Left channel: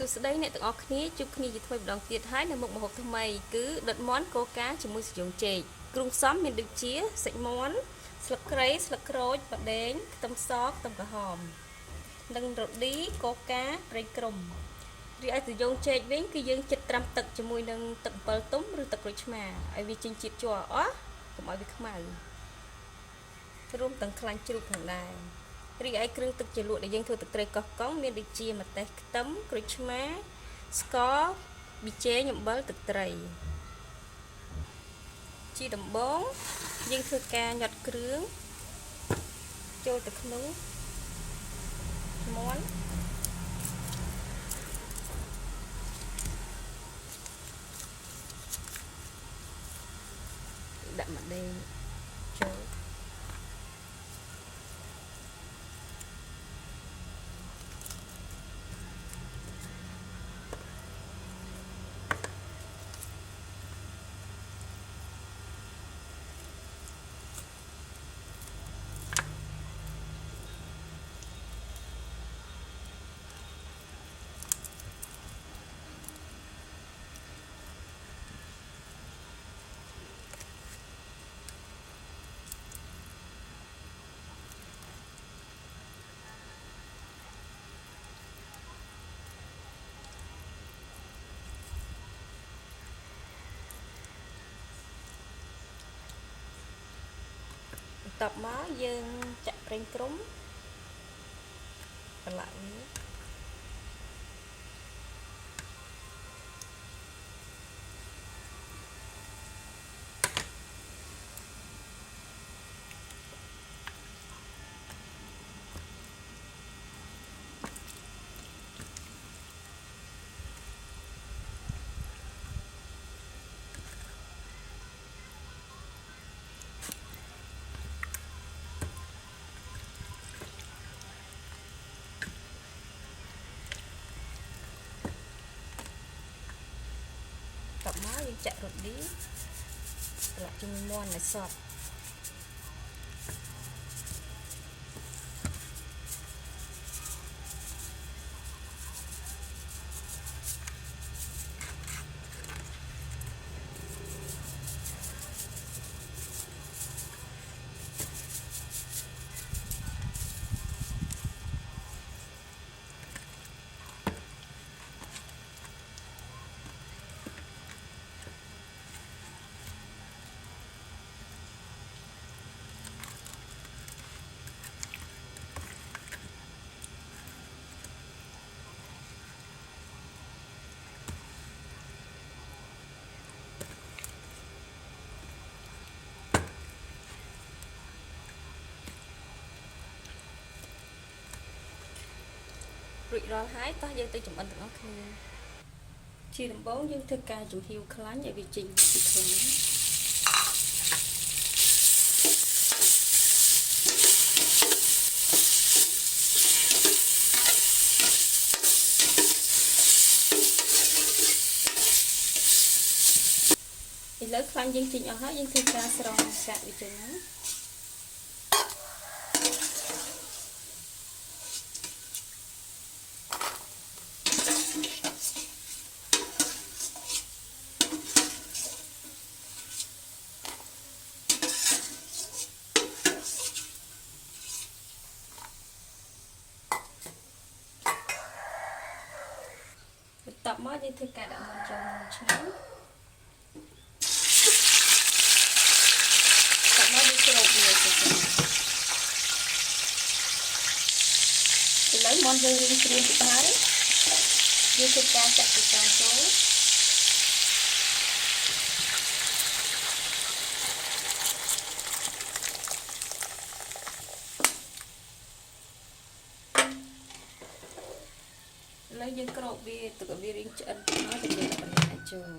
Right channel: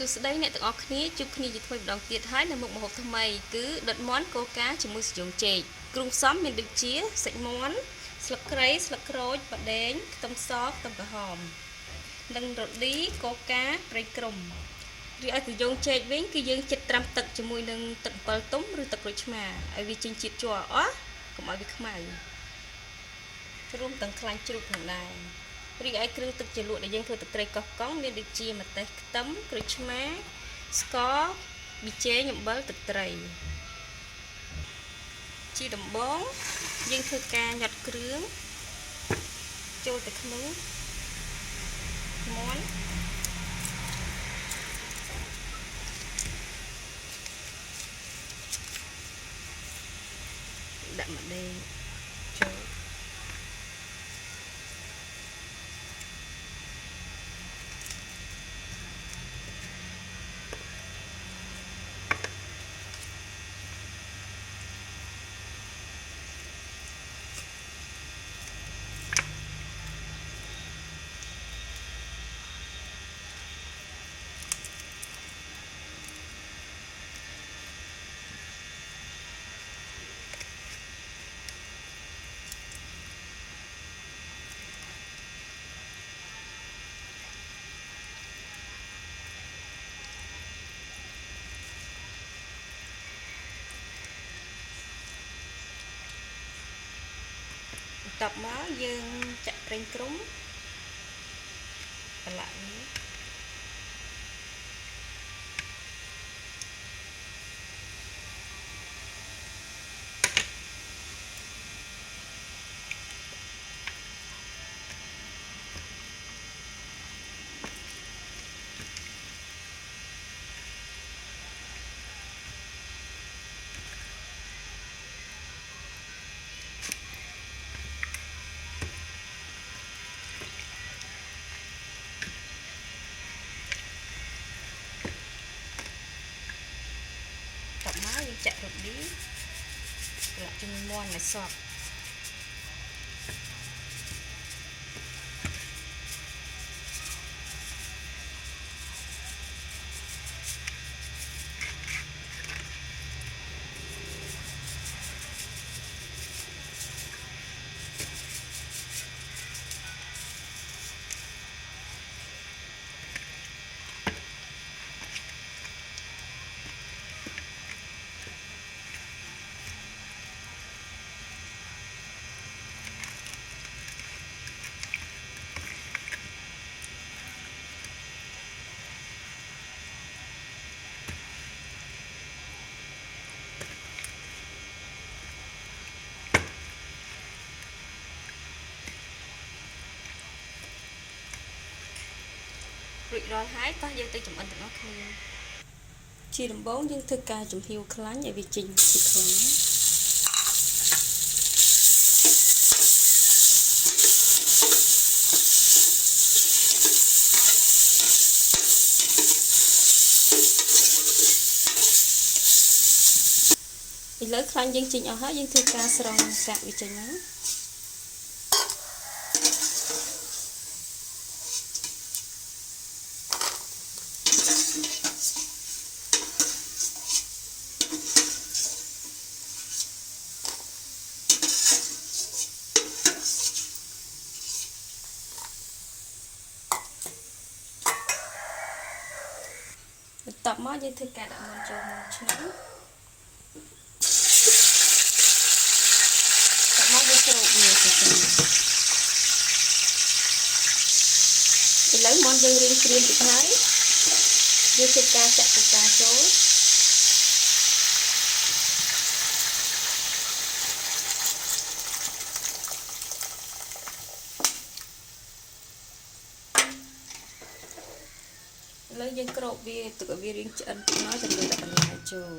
សួស្តីអ្នកទាំងអស់គ្នាជួបគ្នាជាថ្មីម្ដងទៀតហើយនៅមុខម្ហូបថ្មីគឺដុតមាន់កូកាជាមួយសាយ៉ងចេកគ្រឿងផ្សំមានដូចជាសាច់មាន់ស្លឹកគ្រៃស្លឹកក្រូចបដែងខ្ទឹមសខ្ទឹមក្រហមនិងរ៉ូឌីកូកាប្រេងក្រុំរីឯសាយ៉ងចេកវិញគឺយើងចិតត្រាំទឹកជាមួយនឹងទឹកអំពិលទុំឬទឹកក្រូចឆ្មាឲ្យវាចេញជាតិជ័រអស់កុំឲ្យវាខ្មៅរួមទាំងខ្លាញ់ជ្រូកផងដែររីឯគ្រឿងទឹកជ្រលក់ដែលយើងធ្វើទឹកត្រីកោះកុងមានដូចជាម្ទេសខ្ទឹមក្រូចឆ្មាស្ករប៊ីចេងអំបិលទឹកត្រីជាដំបូងយើងធ្វើការញាត់គ្រឿងចូលទៅក្នុងមាន់ដាក់ម្ទេសចូលបន្ទាប់មកយើងចាក់ប្រេងក្រុំប្រឡាក់វាបន្ទាប់មកយើងចាក់រ៉ូឌីប្រឡាក់ជាមួយមាន់ឲ្យសព្វរួចរាល់ហើយតោះយើងទៅចម្អិនទាំងអស់គ្នាជាដំបូងយើងធ្វើការចំហៀវខ្លាញ់ឲ្យវាចេញពីខ្លាញ់ឥឡូវខ្លាញ់យើងចេញអស់ហើយយើងធ្វើការស្រង់កាក់វាចេញមកបន្ទាប់មកយើងធ្វើការដាក់មាន់ចូលឆ្នាំបន្ទាប់មកយើងច្រោកវាទៅឥឡូវមាន់យើងរៀងក្រៀមតិចហើយយើងធ្វើការចាក់ទឹកកាចូលឥឡូវយើងក្រោបវាទុកឲ្យវារៀងឆ្អិនតិចមកទៅយើងដាក់បន្លែចូល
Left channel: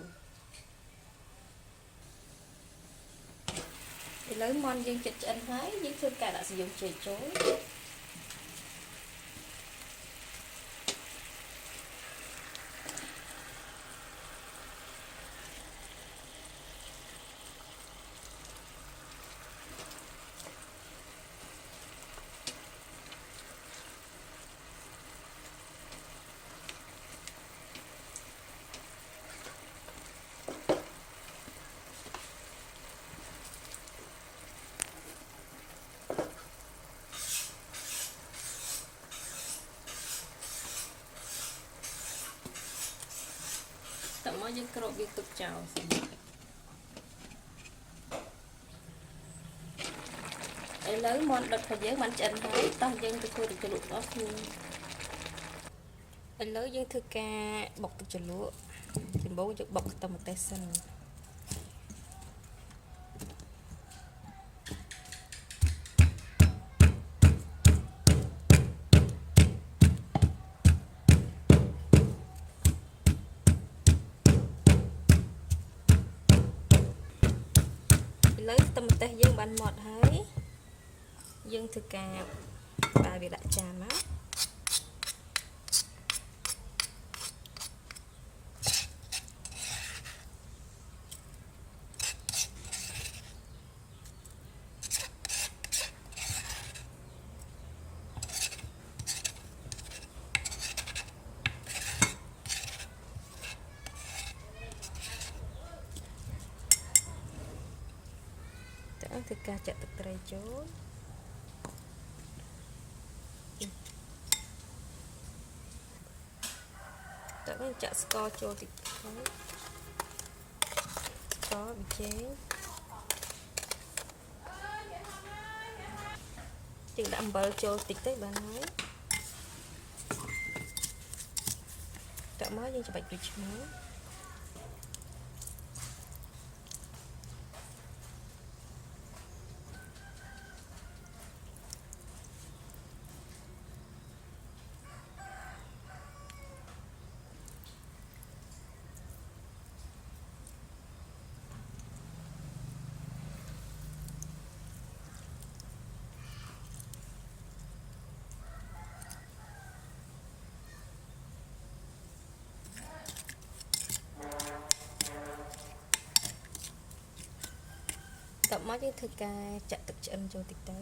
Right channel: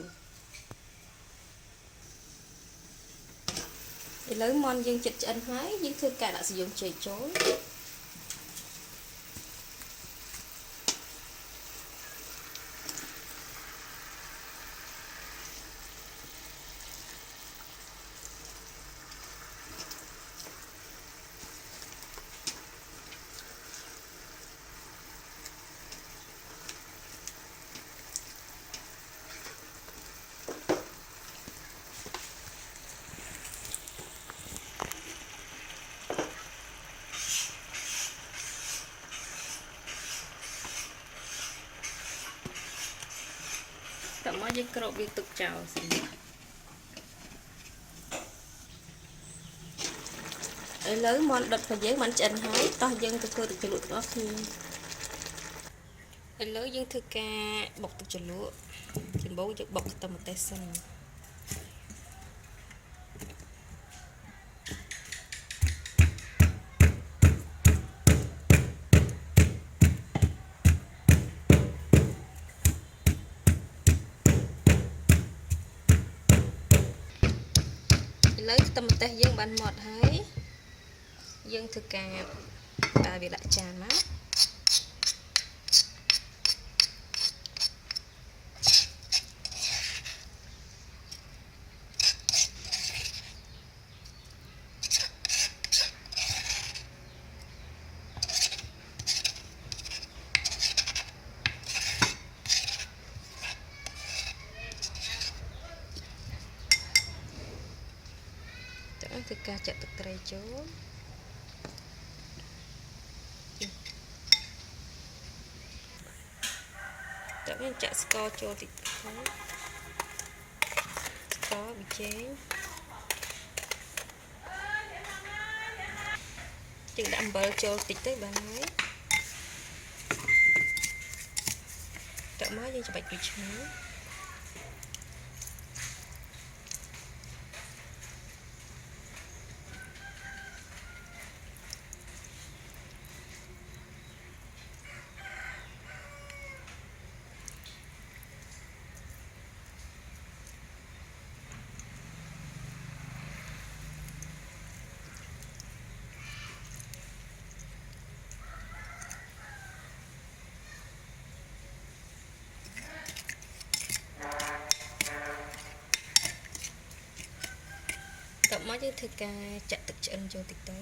ឥឡូវមាន់យើងចិត្តឆ្អិនហើយយើងធ្វើការដាក់សាយ៉ងចេកចូល មកយើងគ្របវាទុកចោលសិនឥឡូវមាន់ដុតរបស់យើងបានឆ្អិនហើយតោះយើងទៅធ្វើទឹកជ្រលក់របស់គ្នាឥឡូវយើងធ្វើការបុកទឹកជ្រលក់ដំបូងយើងបុកខ្ទឹមម្ទេសសិនឥឡូវខ្ទឹមម្ទេសយើងបានម៉ត់ហើយយើងធ្វើការប្រើវាដាក់ចានមកធ្វើការចាក់ទឹកត្រីចូលតើយើងចាក់ស្ករចូលតិចទៅស្ករប៊ីចេងយើងដាក់អំបិលចូលតិចទៅបានហើយដាក់មកយើងច្របាច់ក្រូចឆ្មារតមកយើងធ្វើការចាក់ទឹកឆ្អិនចូលតិចទៅ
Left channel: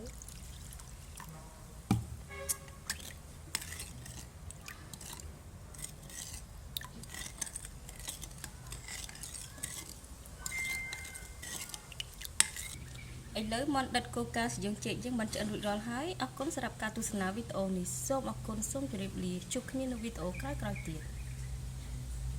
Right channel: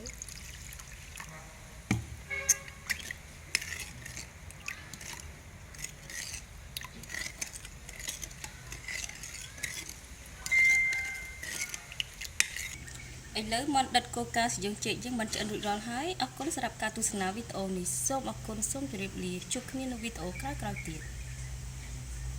ឥឡូវមាន់ដិតកូកាសយើងចេកយើងបានឆ្អិនរួចរាល់ហើយអរគុណសម្រាប់ការទស្សនាវីដេអូនេះសូមអរគុណសូមជម្រាបលាជួបគ្នានៅវីដេអូក្រោយៗទៀត